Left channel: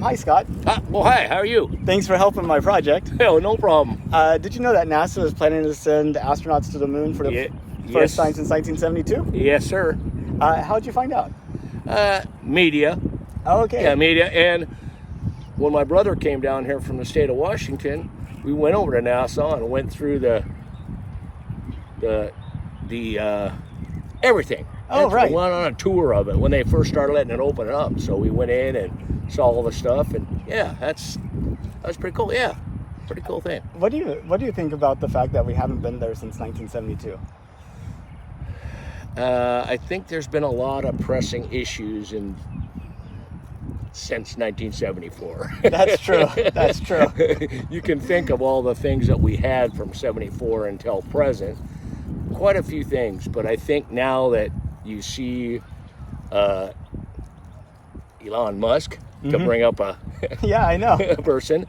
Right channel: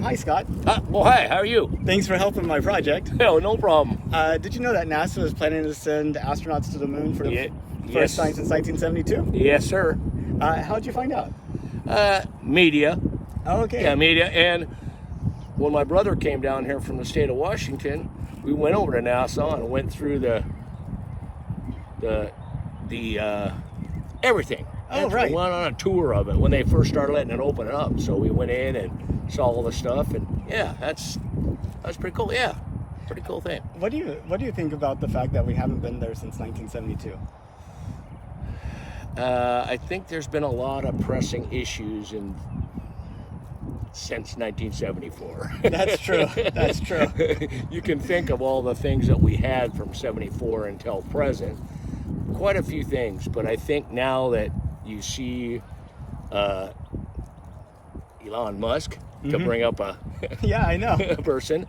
Hi, Scott. Well, hi, how are you? Thanks for helping my project. Oh, no problem. Did you know that NASA is planning to send astronauts to the moon for the Yes. first time since 1972? Yes, sir. How'd you find out? Media. Okay. Yeah, media. And when my brother came down here from the state of Washington, we went over to NASA and went through the everything. Oh, right. We went on a tour of it when they first started letting it open up. So we went in and saw all the stuff, and yeah, that was pretty cool. Yeah, pretty cool thing. What do you think about the fact that we haven't been there since 1972? I think there's been a lot of pressing issues since 1974. That's true. That's true. You can think of all the things that we had from 74 until present. Quite a few things, but I think now that you see Elon Musk, to bring up a Yeah, I know. a person,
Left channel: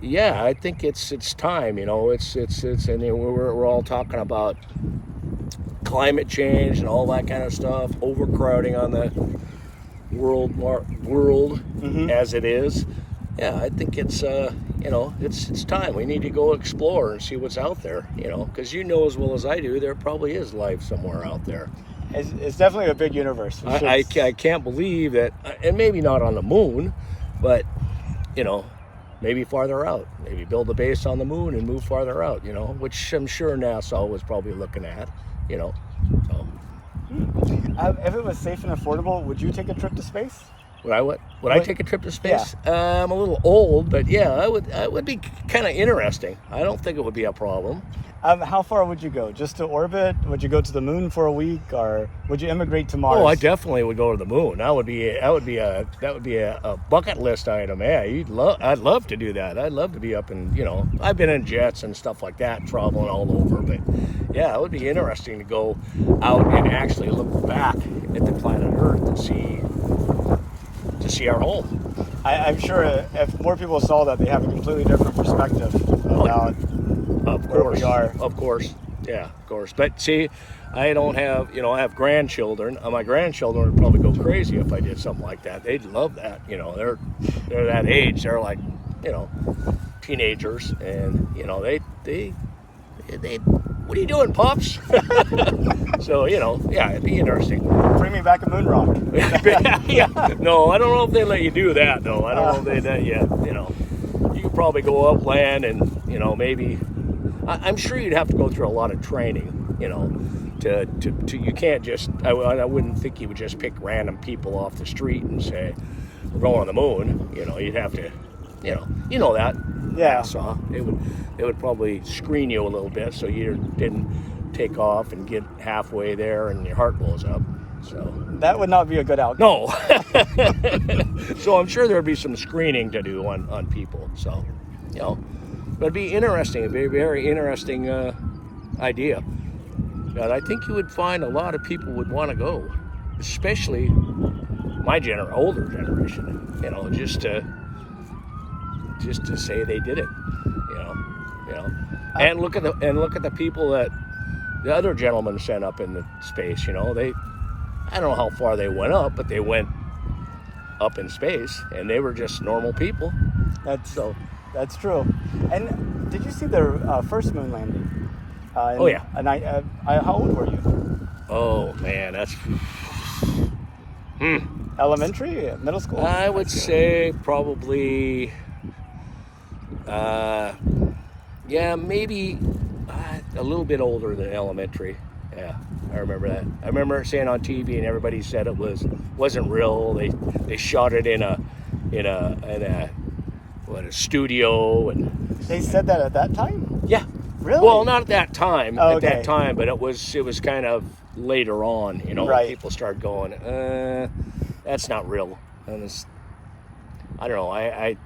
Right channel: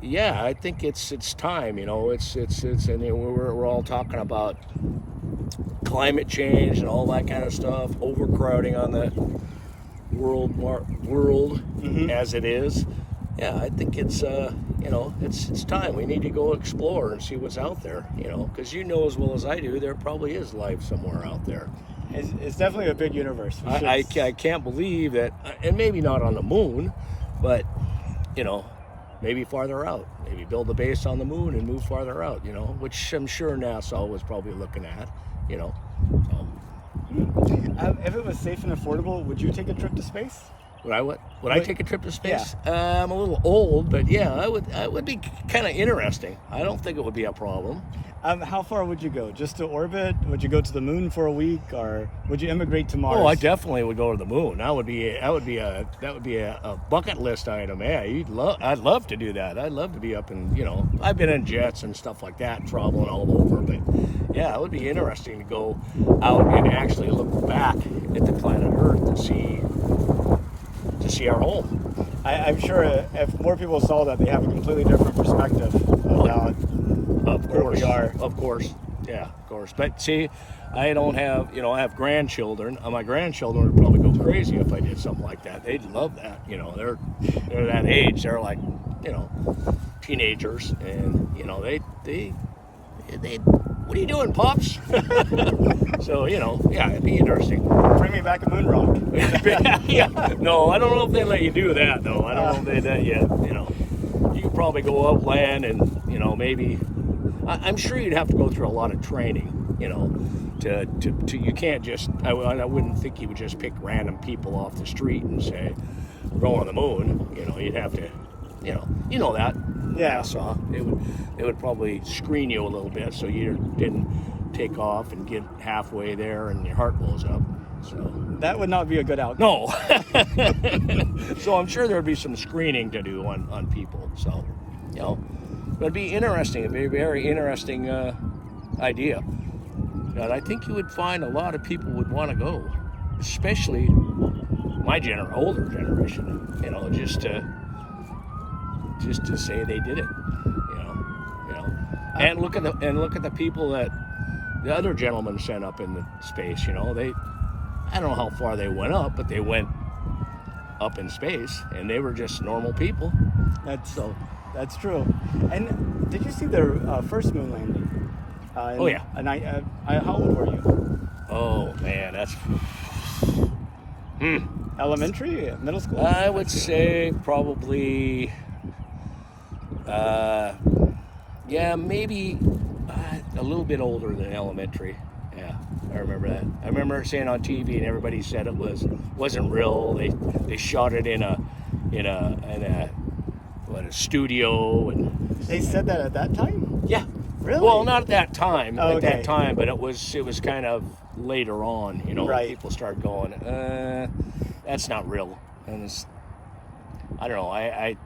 yeah, I think it's time. It's and we're all talking about climate change and all that kind of stuff, overcrowding on the world as it is. Yeah, I think it's it's time. We need to go explore and see what's out there. Because you know as well as I do, there probably is life somewhere out there. It's definitely a big universe. I can't believe that, and maybe not on the moon, but maybe farther out. Maybe build a base on the moon and move farther out. Which I'm sure NASA was probably looking at. So. If it was safe and affordable, would you take a trip to space? Would I take a trip to space? Yeah. I'm a little old, but yeah, it would be kind of interesting. I don't think it would be a problem. How far would you go? Just to orbit? Would you go to the moon for a week, or would you immigrate to Mars? Oh, I definitely would go to the moon. That would be a bucket list item. Yeah, I'd love to do that. I'd love to be up in, I've been in jets and stuff like that, traveling all over, but yeah, it would be interesting to go out and actually look back at the planet Earth to see our home. I'm sure if more people saw that, they have a completely different perspective about where we are. Of course. Yeah, of course. But see, I don't have, I have grandchildren. My grandchildren would probably go crazy if I did something like that. They'd love that. They're that age. They're like, teenagers, and they what are you doing, Pops? So, yeah, it'd be interesting. Bring me back a moon rock. Yeah. No, I don't know if they let you do that, though. I don't know if they let you, you could probably go upland and, maybe, I'm sure you'd have to go through a lot of training, to you can't just, I wouldn't think you would just pick random people off the street and say, we're going on the moon. You'd have to, that. Yeah. So they would probably screen you a little bit so you didn't take off and get halfway there and your heart blows up. So that would not be a good outcome. No. So I'm sure there'd be some screening to do on people. So, but it'd be interesting. It'd be a very interesting idea. And I think you would find a lot of people would want to go, especially my older generation. Just to say they did it, and look at the people that the other gentlemen sent up in the space. I don't know how far they went up, but they went up in space, and they were just normal people. That's true. And did you see their first moon landing? Oh yeah. And how old were you? Oh man, that's elementary, middle school. I would say probably. Maybe a little bit older than elementary. Yeah, I remember that. I remember seeing on TV, and everybody said it wasn't real. They shot it in a studio, and they said that at that time. Yeah. Really? Well, not at that time. Oh, okay. At that time, but it was kind of later on. Right. People started going, that's not real, and I don't know. I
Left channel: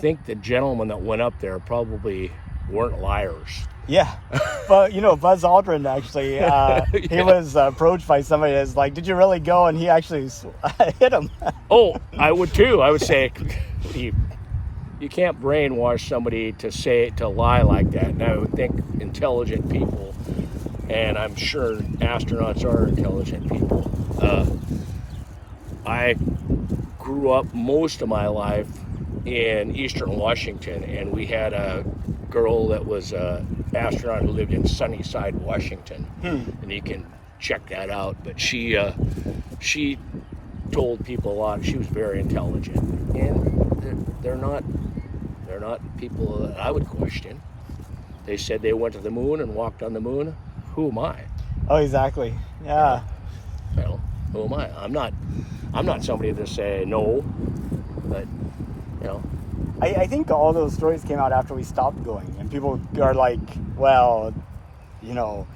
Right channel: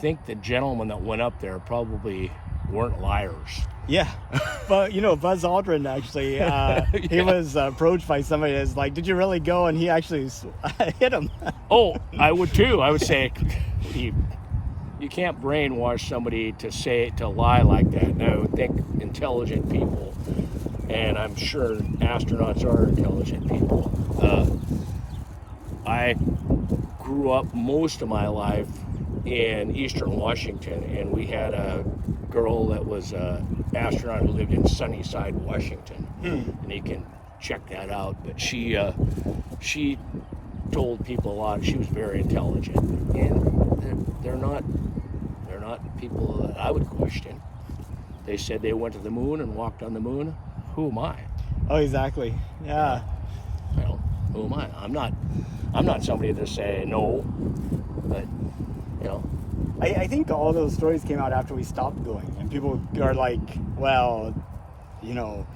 think the gentlemen that went up there probably weren't liars. Yeah, but Buzz Aldrin actually, he was approached by somebody that's like, "Did you really go?" And he actually hit him. Oh, I would too. I would say, you can't brainwash somebody to lie like that. And I would think intelligent people, and I'm sure astronauts are intelligent people. I grew grew up most of my life in Eastern Washington, and we had a girl that was an astronaut who lived in Sunnyside, Washington, and you can check that out. But she told people a lot. She was very intelligent, and they're not people that I would question. They said they went to the moon and walked on the moon. Who am I? Oh, exactly. Yeah. Well, who am I? I'm not somebody to say no, but you know. I think all those stories came out after we stopped going, and people are like, well, you know,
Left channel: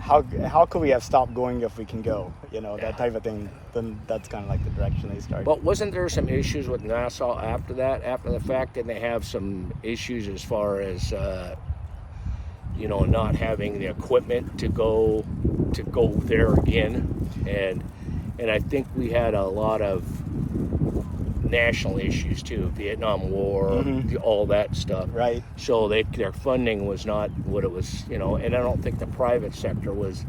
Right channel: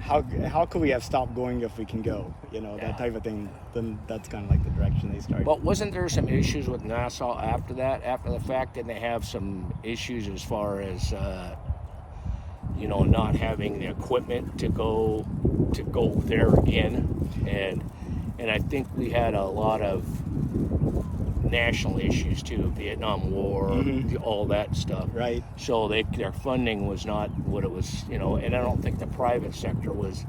how could we have stopped going if we can go? You know, that type of thing. Then that's kind of like the direction they started. But wasn't there some issues with NASA after that? After the fact, didn't they have some issues as far as you know, not having the equipment to go there again, and I think we had a lot of national issues too, Vietnam War, all that stuff. Right. So their funding was not what it was, you know, and I don't think the private sector was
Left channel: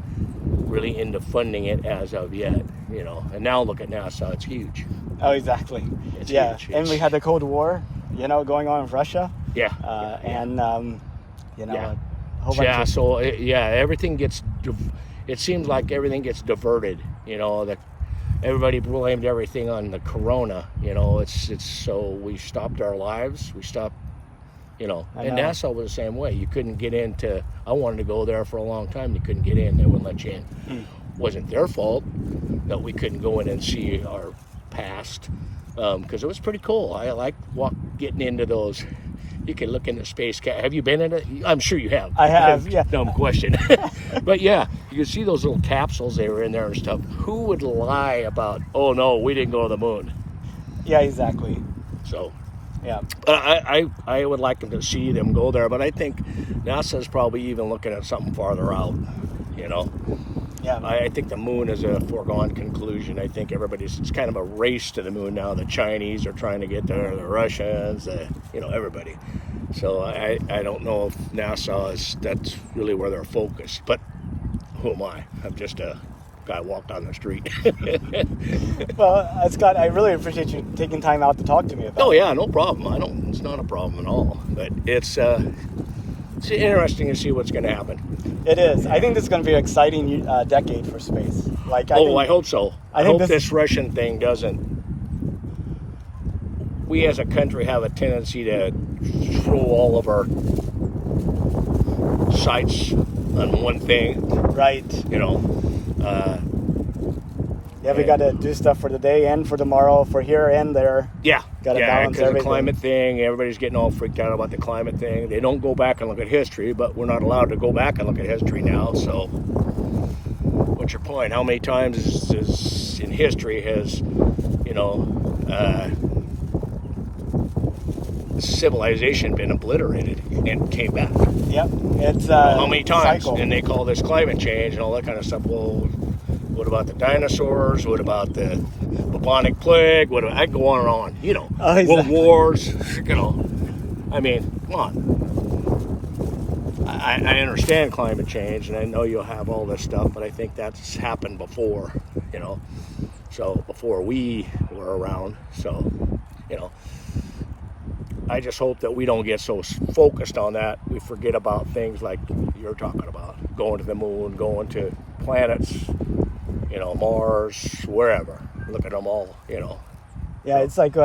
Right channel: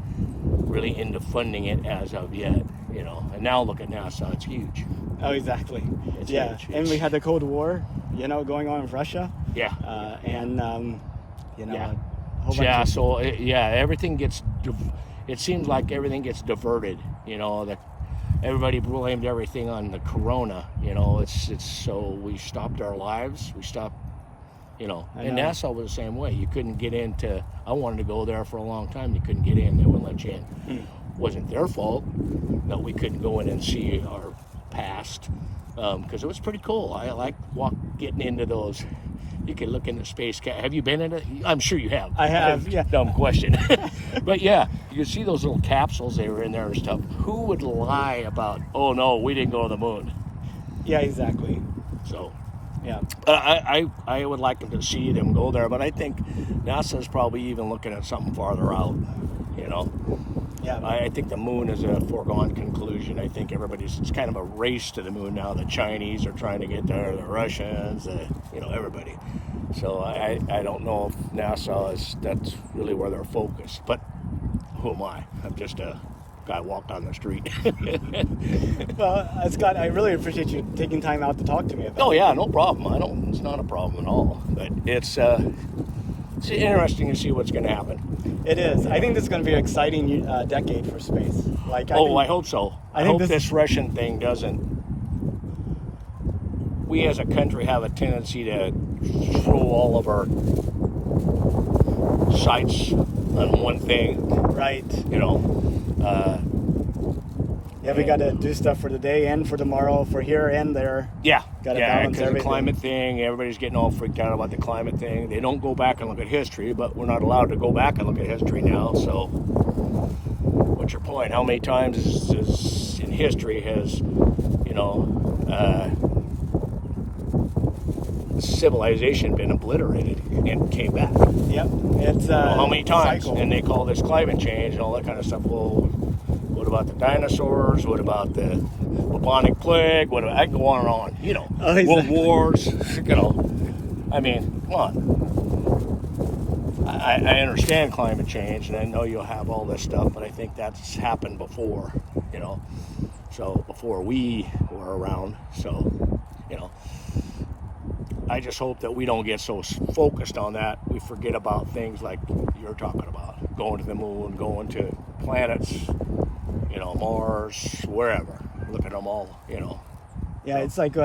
really into funding it as of yet, you know. And now look at NASA, it's huge. Oh, exactly. It's yeah, huge. and we had the Cold War, you know, going on in Russia. Yeah. And you know, Yeah. a whole bunch Yeah, of, so everything gets, it seems like everything gets diverted, you know, everybody blamed everything on the corona, you know, it's so we stopped our lives, we stopped, you know, and NASA was the same way. You couldn't get into, I wanted to go there for a long time, you couldn't get in, they wouldn't let you in. Wasn't their fault that we couldn't go in and see our past, because it was pretty cool. I like getting into those. You can look into space. Have you been in it? I'm sure you have. I have, yeah. Dumb question. But yeah, you can see those little capsules they were in there and stuff. Who would lie about, oh no, we didn't go to the moon? Yeah, exactly. So, Yeah. but I would like to see them go there, but I think NASA's probably even looking at something farther out, you know. Yeah. I think the moon is a foregone conclusion. I think it's kind of a race to the moon now. The Chinese are trying to get there, the Russians, you know, everybody. So I don't know if NASA that's really where they're focused. But who am I? I'm just a guy walked on the street. Well, Scott, I really appreciate you taking time out to talk to me about Oh yeah, no problem. It's not a problem at all. But it's interesting to see what's going to happen. it. Is. I think this is going to be an exciting decade for space. Like, I hope so. I think hope this Russian thing doesn't. We as a country have a tendency to throw all of our sights on one thing. Right. You know. Yeah, we got to do stuff for today and for tomorrow, for here and there. Yeah, Gotta yeah, balance because the everything. climate thing, everybody's getting all freaked out about the climate thing. They don't go back and look at history, but we're not allowed to go back and look at history now. So, what's your point? How many times is in history has, you know, civilization been obliterated and came back? Yep. It's How many times? cycle. And they call this climate change and all that kind of stuff. Well, what about the dinosaurs? What about the bubonic plague? I go on and on. You know, Oh, exactly. world wars. You know, I mean, come on. I understand climate change, and I know you'll have all this stuff, but I think that's happened before. You know, so before we were around. So, you know, I just hope that we don't get so focused on that we forget about things like you're talking about, going to the moon, going to planets, you know, Mars, wherever. Look at them all, you know. Yeah, it's like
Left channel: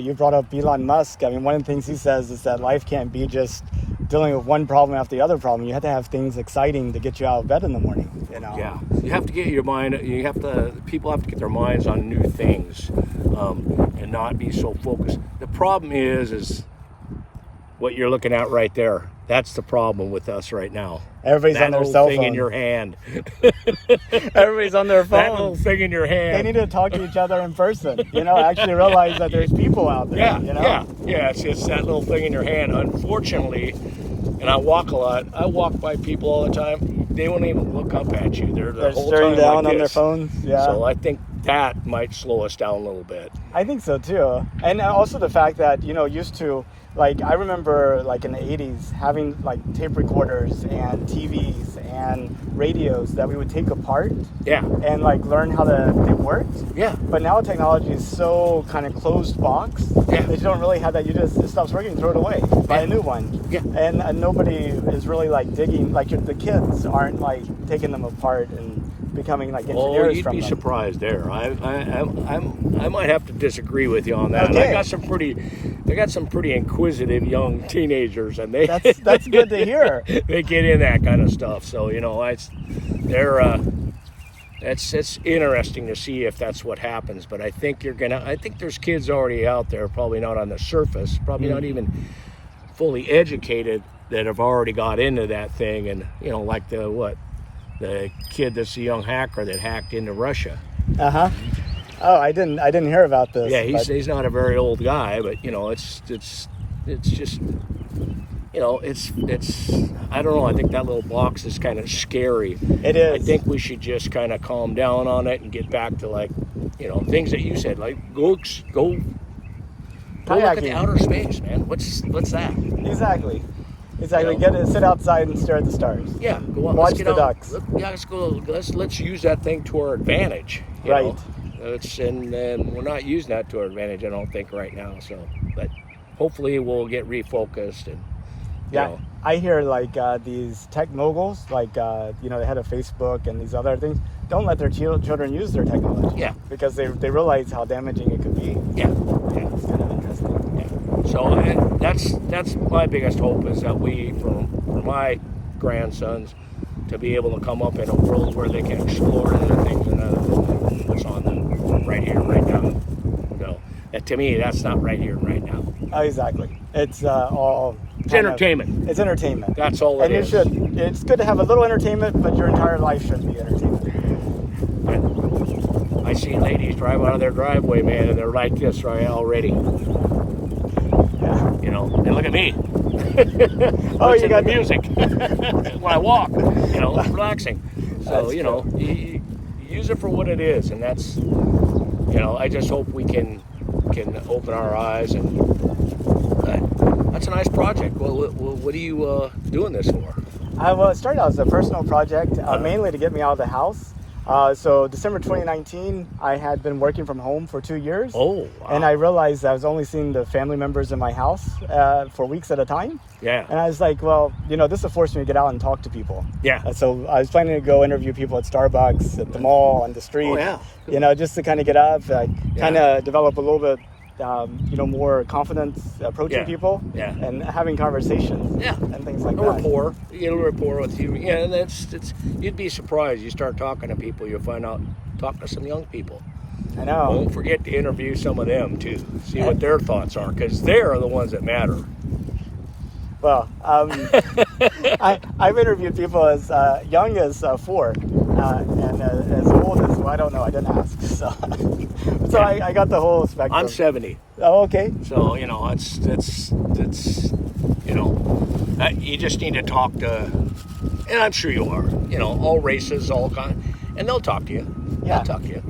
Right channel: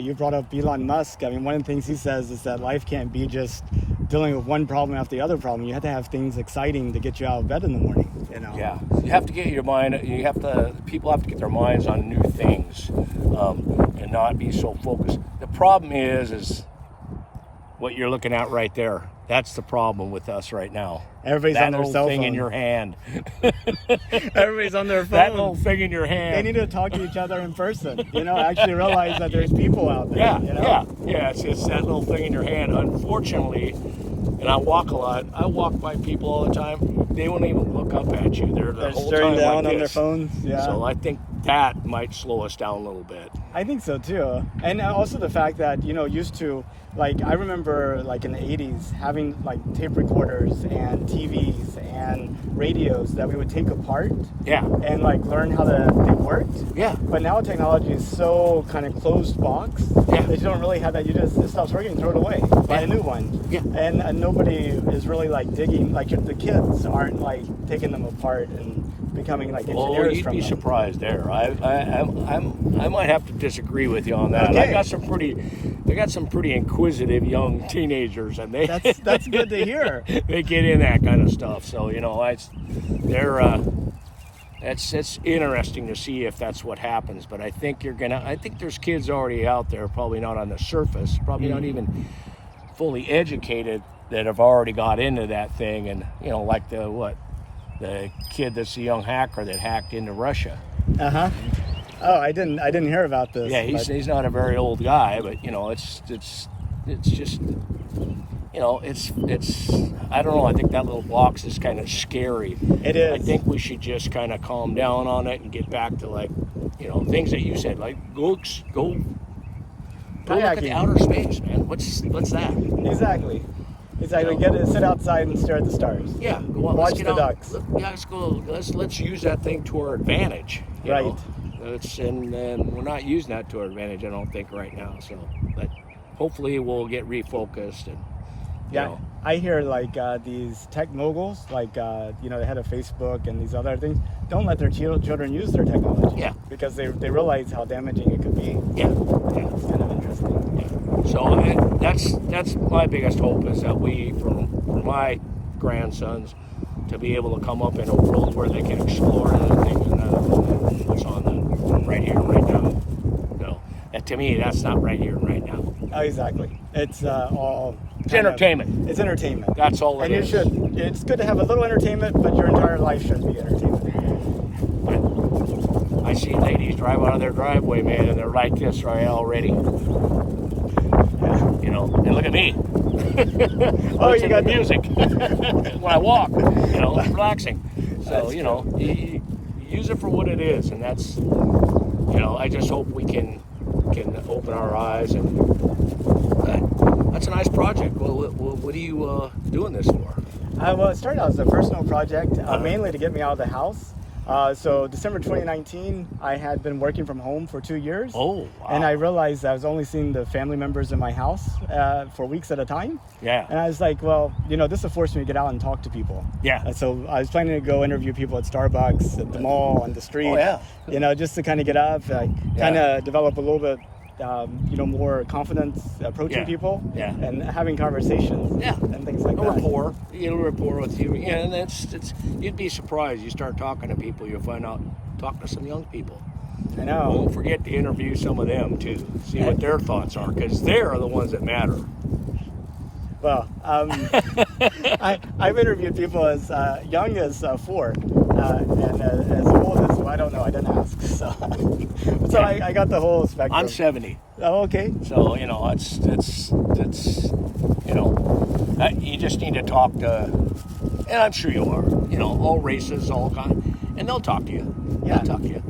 you brought up Elon Musk. I mean, one of the things he says is that life can't be just dealing with one problem after the other problem. You have to have things exciting to get you out of bed in the morning, you know? Yeah, you have to get your mind. People have to get their minds on new things, and not be so focused. The problem is what you're looking at right there. That's the problem with us right now. Everybody's that on their little cell thing phone. in your hand. Everybody's on their That little phone. thing in your hand. They need to talk to each other in person, you know, actually realize that there's people out there, Yeah, you know? yeah. It's that little thing in your hand. Unfortunately, and I walk a lot. I walk by people all the time. They won't even look up at you. They're the They're whole staring time down like on their this. phones. Yeah. So I think that might slow us down a little bit. I think so too. And also the fact that, you know, used to, like, I remember like in the 80s having like tape recorders and TVs and radios that we would take apart Yeah. and like learn how they worked. Yeah. But now technology is so kind of closed box Yeah. that you don't really have that. You just, it stops working, throw it away, buy a new one. Yeah. And nobody is really like digging, like the kids aren't like taking them apart and becoming like engineers Oh, you'd from be them. surprised there. I might have to disagree with you on that. Okay. I got some pretty inquisitive young teenagers, and That's good to hear. they get in that kind of stuff. So it's interesting to see if that's what happens. But I think there's kids already out there, probably not on the surface, probably not even fully educated, that have already got into that thing, and like the kid that's a young hacker that hacked into Russia. Oh, I didn't hear about this. Yeah, but- he's not a very old guy, but it's just it's I don't know. I think that little box is kind of scary. It is. I think we should just kind of calm down on it and get back to things that you said, like go look at the Kayaking. outer space, man. What's that? Exactly. You know? Get to sit outside and stare at the stars. Yeah, go on. Watch Let's get the out. ducks. Let's go. Let's use that thing to our advantage. you Right. know? And we're not using that to our advantage, I don't think, right now. So, but hopefully we'll get refocused and. Yeah, I hear like these tech moguls, like the head of Facebook and these other things, don't let their children use their technology. Yeah. Because they realize how damaging it could be. Yeah. It's kind of interesting. So that's my biggest hope, is that for my grandsons to be able to come up in a world where they can explore everything that's on them right here, right now. So, and to me, that's not right here, right now. Oh, exactly. It's all. It's entertainment. It's entertainment. That's all it is. It's good to have a little entertainment, but your entire life should be entertainment. I see ladies drive out of their driveway, man, and they're like this right already. And look at me. Oh, you got music when I walk. It's relaxing. So you use it for what it is, and that's I just hope we can open our eyes, and that's a nice project. Well, what are you doing this for? Well, it started out as a personal project, mainly to get me out of the house. So December 2019, I had been working from home for 2 years. Oh, wow. And I realized I was only seeing the family members in my house for weeks at a time. Yeah. And I was like, well, this will force me to get out and talk to people. Yeah. So I was planning to go interview people at Starbucks, at the mall, on the street. Oh, yeah. Just to kind of get up, kind of develop a little bit, more confidence approaching Yeah. people. Yeah. And having conversations. Yeah. And things like A that. rapport. You get a rapport with you. Yeah, and it's you'd be surprised. You start talking to people, you'll find out, talk to some young people. I know. Don't forget to interview some of them too. See what their thoughts are, because they're the ones that matter. Well, I've interviewed people as young as 4 and as old as, I don't know, I didn't ask. So I got the whole spectrum. I'm 70. Oh, okay. So, it's you just need to talk to, and I'm sure you are, all races, all kinds, and they'll talk to you. Yeah. They'll talk to you.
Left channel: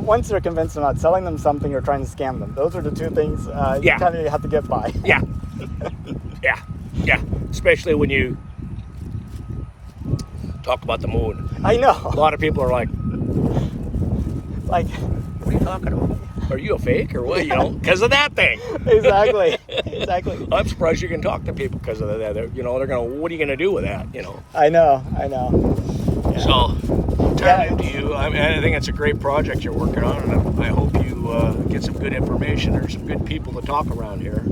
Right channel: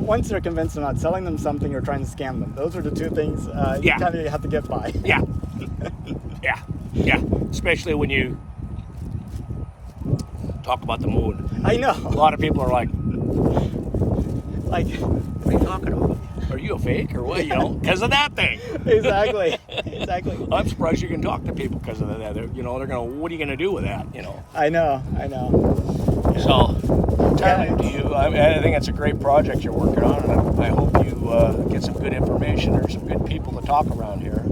Once you're convinced I'm not selling them something or trying to scam them, those are the two things you Yeah. kind of have to get by. Yeah. Yeah. Especially when you talk about the moon. I know. A lot of people are like, Like, what are you talking about? Are you a fake or what? Because of that thing. exactly. I'm surprised you can talk to people because of that. They're going, what are you going to do with that? I know. So, entirely to you. I think it's a great project you're working on, and I hope you get some good information. There's some good people to talk around here.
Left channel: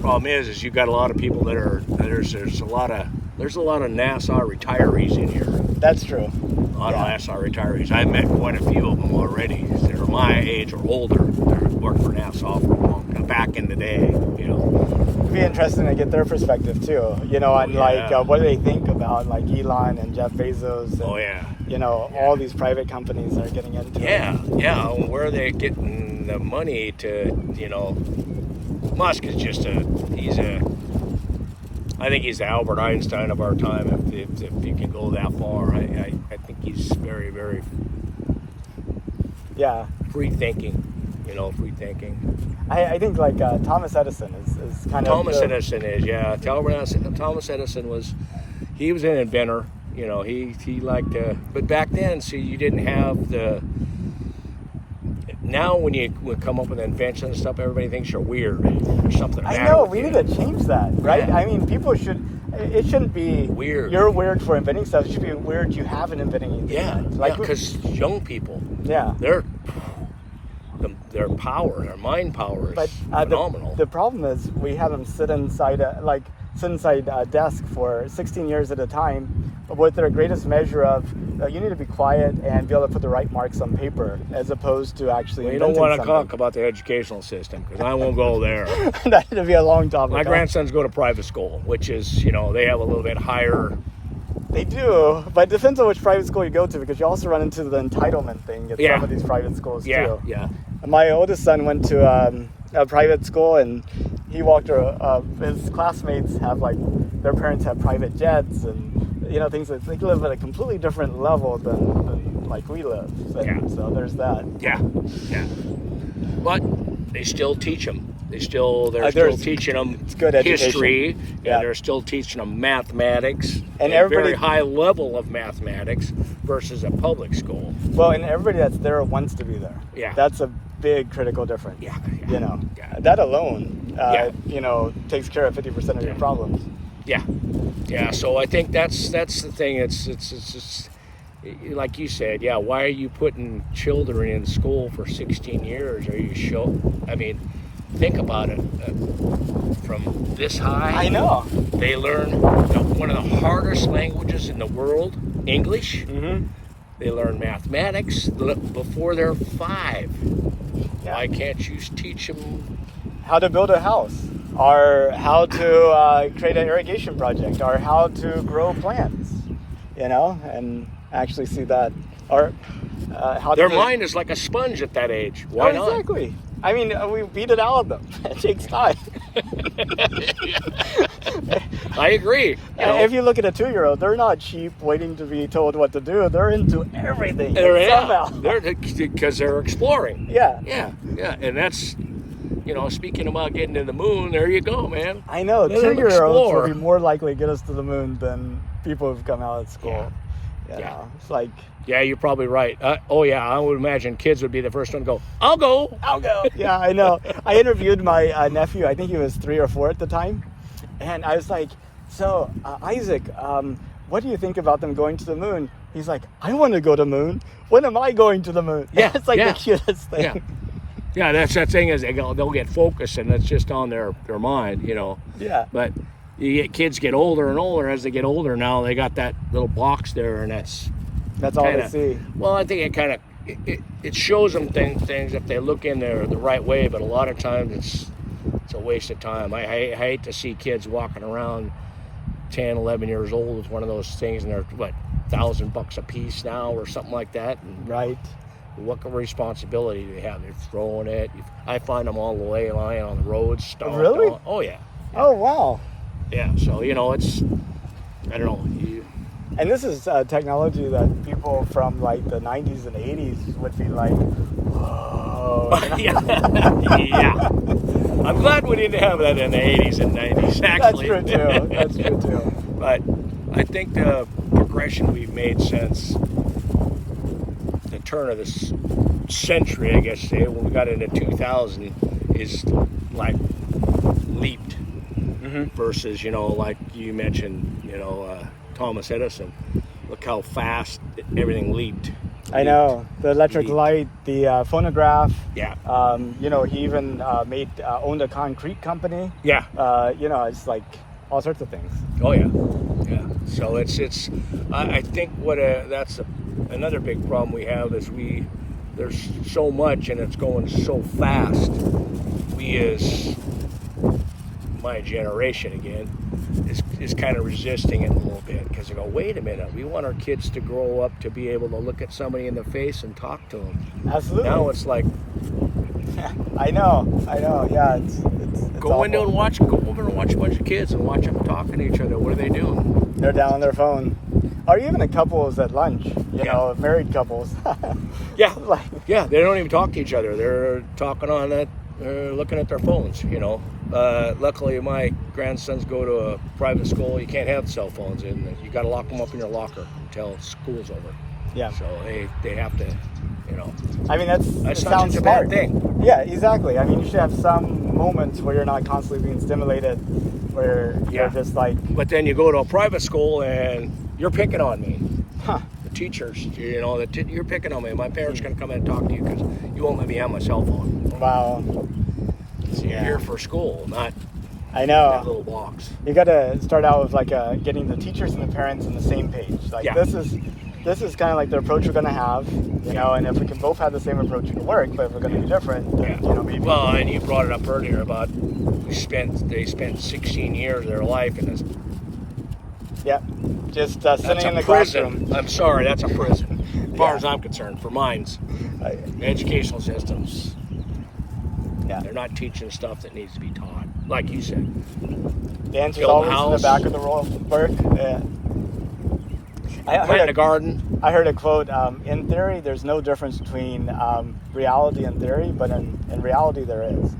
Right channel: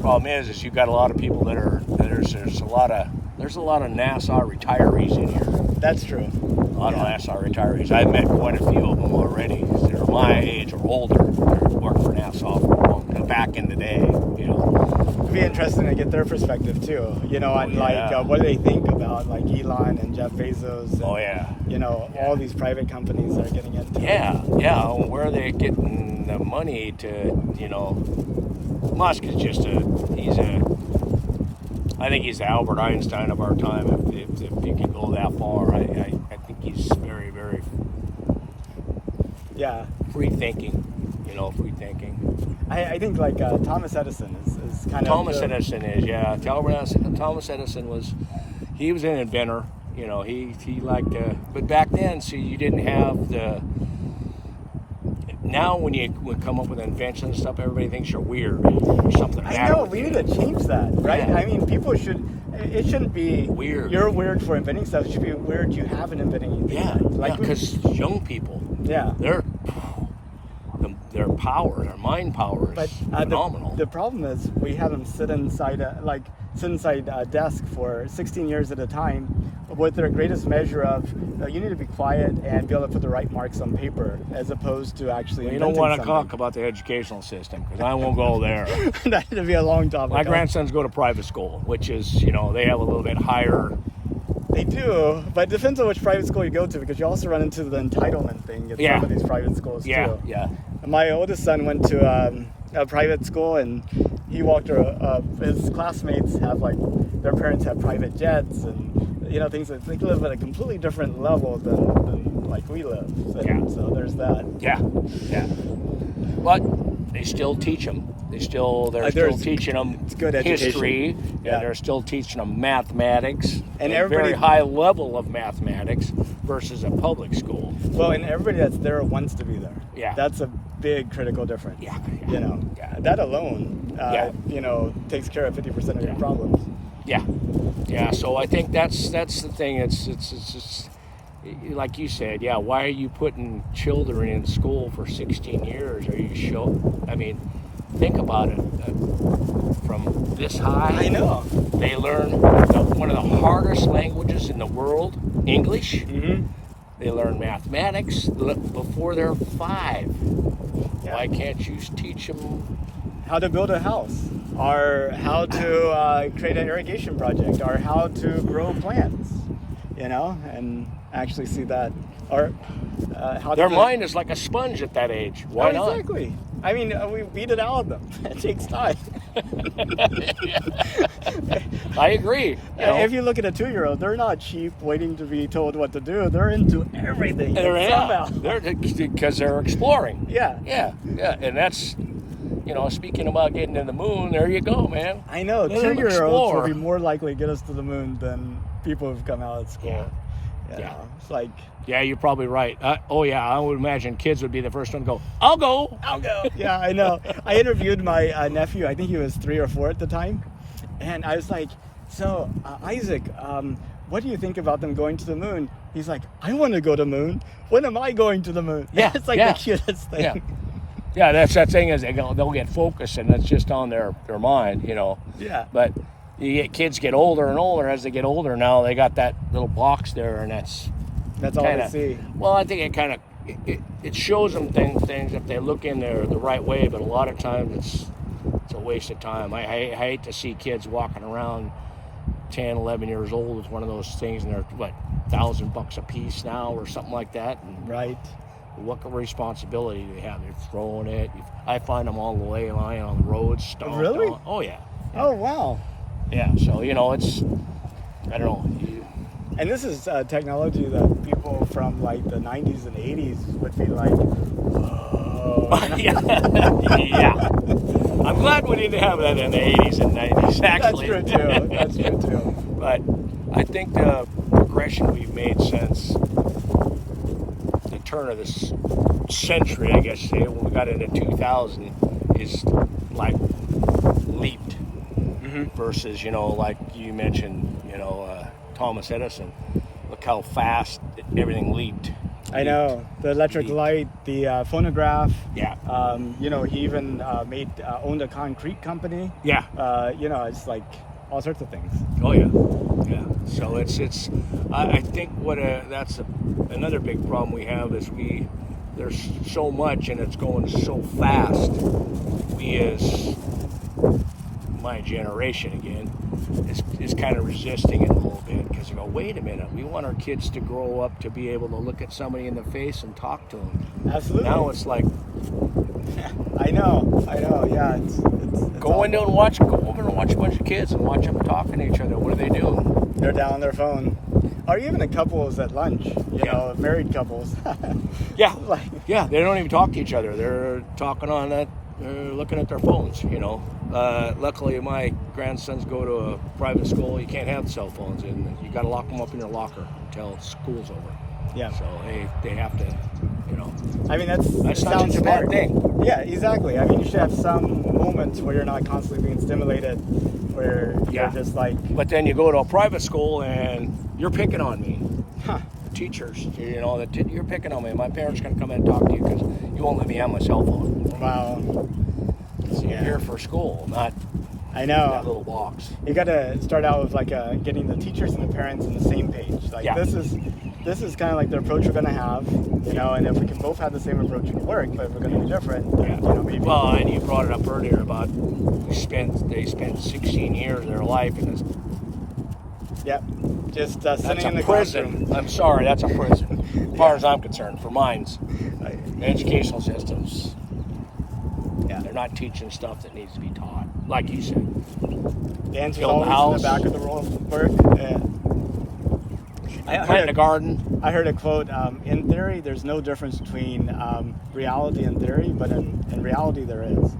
Problem is you've got a lot of people that are there's a lot of NASA retirees in here. That's true. A lot of NASA retirees. I've met quite a few of them already. They're my age or older. They worked for NASA for back in the day. It'd be interesting to get their perspective too. And yeah. what do they think about like Elon and Jeff Bezos? And, Oh yeah. All these private companies that are getting into it. Yeah. Where are they getting the money to? Musk is I think he's the Albert Einstein of our time. If he could go that far, I think he's very, very free thinking. Free thinking. I think like Thomas Edison is kind of Thomas Edison is, yeah. Thomas Edison was an inventor. You know, he liked to, but back then, see, you didn't have the. Now, when you would come up with inventions and stuff, everybody thinks you're weird. There's something. I know, we need to change that, right? Yeah. I mean, people should. It shouldn't be Weird. You're weird for inventing stuff. It should be weird you haven't inventing anything. Yeah, Like because young people, yeah. their power, their mind power is But phenomenal. the problem is we have them sit inside a desk for 16 years at a time with their greatest measure of you need to be quiet and be able to put the right marks on paper as opposed to actually We don't inventing want to something. talk about the educational system because I won't go there. That'd be a long topic. My grandsons go to private school, which is, you know, they have a little bit higher. They do, but it depends on which private school you go to because you also run into the entitlement thing at Yeah. some of these private schools too. Yeah. My oldest son went to a private school, and he walked. His classmates have their parents have private jets, and you know things that they live at a completely different level than like we live. And so there's that. Yeah. But they still teach them. They're still teaching them good education. history, Yeah. and they're still teaching them mathematics, And a everybody- very high level of mathematics versus a public school. Well, and everybody that's there wants to be there. Yeah. That's a big critical difference. Yeah. You know, Yeah. that alone, Yeah. you know, takes care of 50% of your problems. Yeah. So I think that's the thing. It's like you said. Yeah. Why are you putting children in school for 16 years? Are you I mean, think about it. From this high, I know. they learn one of the hardest languages in the world, English. Mm-hmm. They learn mathematics before they're 5. Yeah. Why can't you teach them? How to build a house, or how to create an irrigation project, or how to grow plants, you know, and actually see that, or how Their to mind is like a sponge at that age. Why not? Exactly. I mean, we beat it out of them. It takes time. I agree. You know, If you look at a 2-year-old, they're not sheep waiting to be told what to do. They're into everything. Somehow. They're because they're exploring. Yeah. And that's, you know, speaking about getting to the moon. There you go, man. I know. Let them 2-year-olds explore. will be more likely to get us to the moon than people who've come out of school. Yeah. You know, it's like, Yeah, you're probably right. I would imagine kids would be the first one to go, I'll go. yeah, I know. I interviewed my nephew. I think he was 3 or 4 at the time. And I was like, so, Isaac, what do you think about them going to the moon? He's like, I want to go to the moon. When am I going to the moon? Yeah, It's like yeah. the cutest thing. Yeah. Yeah, that's that thing is they'll get focused and it's just on their mind, you know. Yeah. But kids get older and older. As they get older now, they got that little box there, and that's all kinda, they see. Well, I think it kind of it shows them things if they look in there the right way. But a lot of times it's a waste of time. I hate to see kids walking around 10, 11 years old with one of those things, and they're $1,000 a piece now or something like that. And Right. what responsibility do they have? They're throwing it. I find them all the way lying on the roads. stomped Really? on. Oh yeah. Oh, wow. Yeah. So it's I don't know. And this is technology that people from like the 90s and 80s would be like, whoa. Yeah. I'm glad we didn't have that in the 80s and 90s, actually. That's true too. But I think the progression we've made since the turn of this century, I guess, when we got into 2000, is like leaped. Versus, like you mentioned, Thomas Edison. Look how fast everything leaped. I know. The electric light, the phonograph. Yeah. He even owned a concrete company. Yeah. It's like all sorts of things. Oh yeah. Yeah. So it's. I think that's another big problem we have is there's so much and it's going so fast. We as my generation again is kind of resisting it a little bit because they go, wait a minute, we want our kids to grow up to be able to look at somebody in the face and talk to them. Absolutely. Now it's like, I know. Yeah, it's go over and watch a bunch of kids and watch them talking to each other. What are they doing? They're down on their phone. Or even the couples at lunch, married couples. Yeah, yeah. They don't even talk to each other. They're talking on that They're looking at their phones, you know. Luckily, my grandsons go to a private school. You can't have cell phones, and you got to lock them up in your locker until school's over. Yeah. So they have to, you know. I mean, That's that not sounds such a bad smart. thing. Yeah, exactly. I mean, you should have some moments where you're not constantly being stimulated, where Yeah. you're just like, But then you go to a private school and you're picking on me. huh, The teachers, you know, you're picking on me. My parents are going to come in and talk to you because you won't let me have my cell phone. wow. So you're Yeah. here for school, not I that know. little box. You got to start out with like getting the teachers and the parents on the same page. Like Yeah. this is kind of like the approach we're going to have, you know, and if we can both have the same approach, it'll work. But if we're going to be different, then, you know, maybe. Well, and you brought it up earlier about they spent 16 years of their life in this. Yeah, just That's sitting in a the prison. classroom. I'm sorry, that's a prison. As far as I'm concerned, for mine's I- educational systems, Yeah. they're not teaching stuff that needs to be taught. Like you said, The answer's Build a always in house. the back of the roll bird. Yeah. plant a garden. I heard a quote. In theory, there's no difference between reality and theory, but in reality, there is.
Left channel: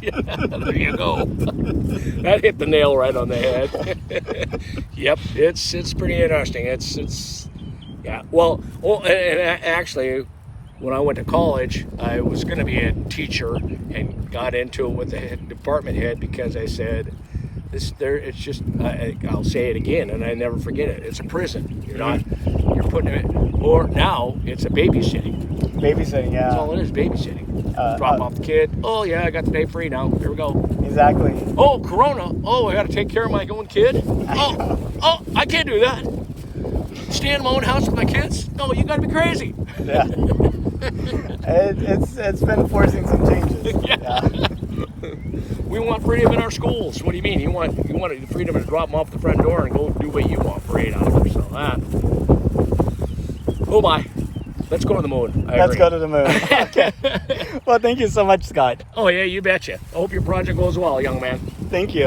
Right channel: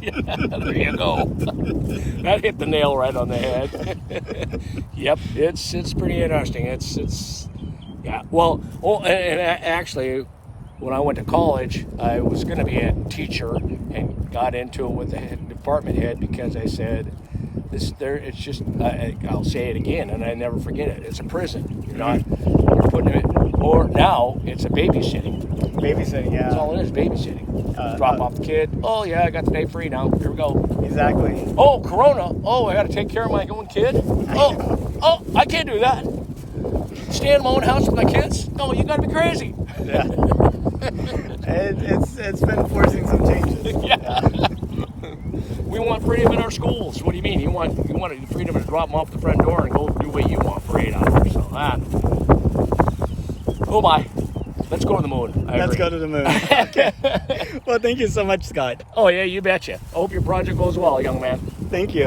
There you go. That hit the nail right on the head. Yep, it's pretty interesting. It's yeah. Well, actually, when I went to college, I was going to be a teacher and got into it with the department head because I said, it's just, I'll say it again and I never forget it. It's a prison. You're putting it, or now it's a babysitting. Babysitting, yeah. That's all it is, babysitting. Drop off the kid. Oh yeah, I got the day free now. Here we go. Exactly. Oh, Corona. Oh, I got to take care of my own kid. Oh, I can't do that. Stay in my own house with my kids? No, you got to be crazy. Yeah. It's been forcing some changes. Yeah. We want freedom in our schools. What do you mean? You want the freedom to drop them off the front door and go do what you want for 8 hours. So oh my. Let's go on the moon. Let's go to the moon. Okay. Well, thank you so much, Scott. Oh yeah, you betcha. I hope your project goes well, young man. Thank you.